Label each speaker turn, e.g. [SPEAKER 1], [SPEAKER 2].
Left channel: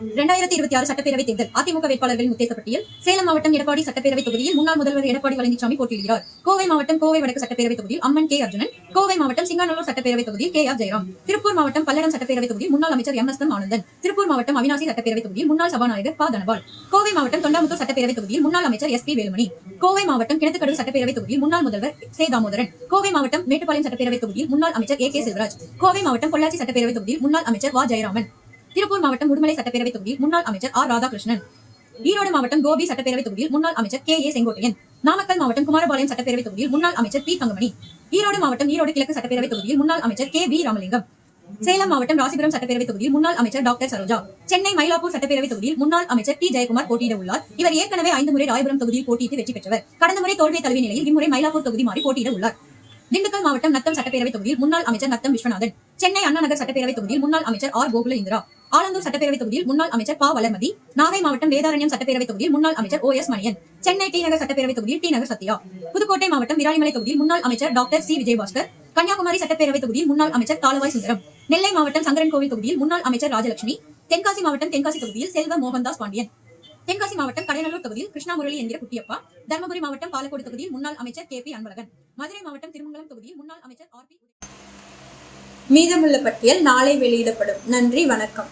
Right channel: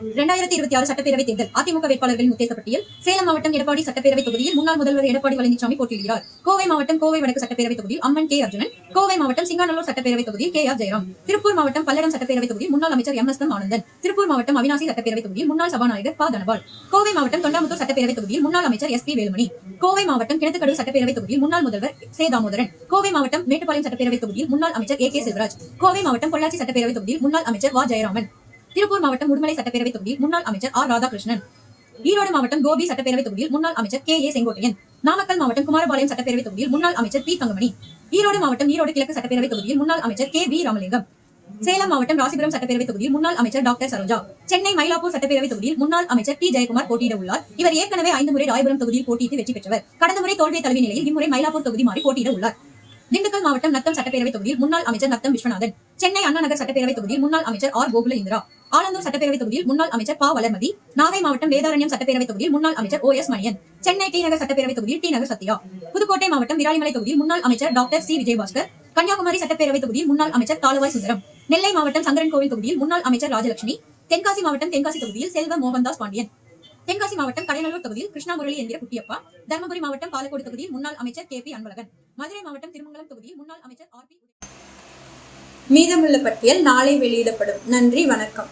[SPEAKER 1] இரண்டாயிரத்தி இருபத்தி ஆறு சட்டப்பேரவை தேர்தல் அதிமுக வேட்பாளர்களின் உத்தேச பட்டியல் சேலம் மாவட்டம் எடப்பாடி சட்டப்பேரவை தொகுதியில் முன்னாள் முதல்வர் எடப்பாடி பழனிசாமி போட்டியிடுகிறார். கோவை மாவட்டம் கோவை வடக்கு சட்டப்பேரவை தொகுதியில் அம்மன் கே அர்ஜுனன் கோவை மாவட்டம் சிங்காநல்லூர் சட்டப்பேரவை தொகுதியில் கே ஆர் ஜெயராம் திருப்பூர் மாவட்டம் பல்லடம் சட்டப்பேரவை தொகுதியில் முன்னாள் அமைச்சர் M S M Anandan Tiruppur மாவட்டம் அவினாசி சட்டப்பேரவை தொகுதியில் முன்னாள் சபாநாயகர் பா. தனபால் கோவை மாவட்டம் தொண்டாமுத்தூர் சட்டப்பேரவை தொகுதியில் முன்னாள் அமைச்சர் எஸ் பி வேலுமணி கோவை மாவட்டம் கிணத்துக்கடவு சட்டப்பேரவை தொகுதியில் முன்னாள் முதல்வர் சே. தாமோதரன் கோவை மாவட்டம் மேட்டுப்பாளையம் சட்டப்பேரவை தொகுதியில் முன்னாள் அமைச்சர் ஏ. கே. செல்வராஜ் கோவை மாவட்டம் பொள்ளாச்சி சட்டப்பேரவை தொகுதியில் முன்னாள் அமைச்சர் வா. ஜெயராமன் திருப்பூர் மாவட்டம் உடுமலை சட்டப்பேரவை தொகுதியில் முன்னாள் அமைச்சர் ஆர் ராதாகிருஷ்ணன். ஈரோடு மாவட்டம் கோபி சட்டப்பேரவை தொகுதியில் முன்னாள் அமைச்சர் கே ஏ செங்கோட்டையன். நாமக்கல் மாவட்டம் குமாரபாளையம் சட்டப்பேரவை தொகுதியில் முன்னாள் அமைச்சர் பி தங்கமணி. ஈரோடு மாவட்டம் ஈரோடு கிழக்கு சட்டப்பேரவை தொகுதியில் முன்னாள் அமைச்சர் கே வி ராமலிங்கம். சேலம் மாவட்டம் ராசிபுரம் சட்டப்பேரவை தொகுதியில் முன்னாள் அமைச்சர் டாக்டர் சரோஜா. சென்னை மயிலாப்பூர் சட்டப்பேரவை தொகுதியில் முன்னாள் அமைச்சர் பி ஜெயக்குமார் போட்டியிட உள்ளார் இவர் ஏற்கனவே ஐந்து முறை ராயபுரம் தொகுதியில் போட்டியிட்டு வெற்றி பெற்றவர். கடந்த முறை தோல்வி தழுவிய நிலையில் இம்முறை மயிலாப்பூர் தொகுதி மாறி போட்டியிட உள்ளார் திண்டுக்கல் மாவட்டம் நத்தம் சட்டப்பேரவை தொகுதியில் முன்னாள் அமைச்சர் நத்தம் விஸ்வநாதன். சென்னை அண்ணா நகர் சட்டப்பேரவை தொகுதியில் முன்னாள் அமைச்சர் ஆர் கோகுல இந்திரா ஆலந்தூர் சட்டப்பேரவை தொகுதியில் முன்னாள் அமைச்சர் ப. வளர்மதி நாகை மாவட்டம் வேதாரண்யம் சட்டப்பேரவை தொகுதியில் முன்னாள் அமைச்சர் O. S. Manian Chennai T Nagar சட்டப்பேரவை தொகுதியில் டி நகர் சத்யா புதுக்கோட்டை மாவட்டம் விராலிமலை தொகுதியில் முன்னாள் அமைச்சர் டாக்டர் சி. விஜயபாஸ்கர் கன்னியாகுமரி சட்டப்பேரவை தொகுதியில் முன்னாள் அமைச்சர் தாலுவாய் சுந்தரம் நெல்லை மாவட்டம் சங்கரன் கோவில் தொகுதியில் முன்னாள் அமைச்சர் ராஜலட்சுமி தென்காசி மாவட்டம் தென்காசி தொகுதியில் செல்வ மோகன்தாஸ் பாண்டியன் தென்காசி மாவட்டம் கடலூர் தொகுதியில் கிருஷ்ணா முரளி எந்திர குட்டியப்பா தருமபுரி மாவட்டம் பாலக்கோடு தொகுதியில் முன்னாள் அமைச்சர் கே. பி. அன்பழகன் மதுரை மாவட்டம் திருமங்கலம் தொகுதியில் முன்னாள் அமைச்சர் ஆர்.
[SPEAKER 2] மீதமுள்ள பட்டியல் நாளை வெளியிடப்படும். நன்றி வணக்கம்.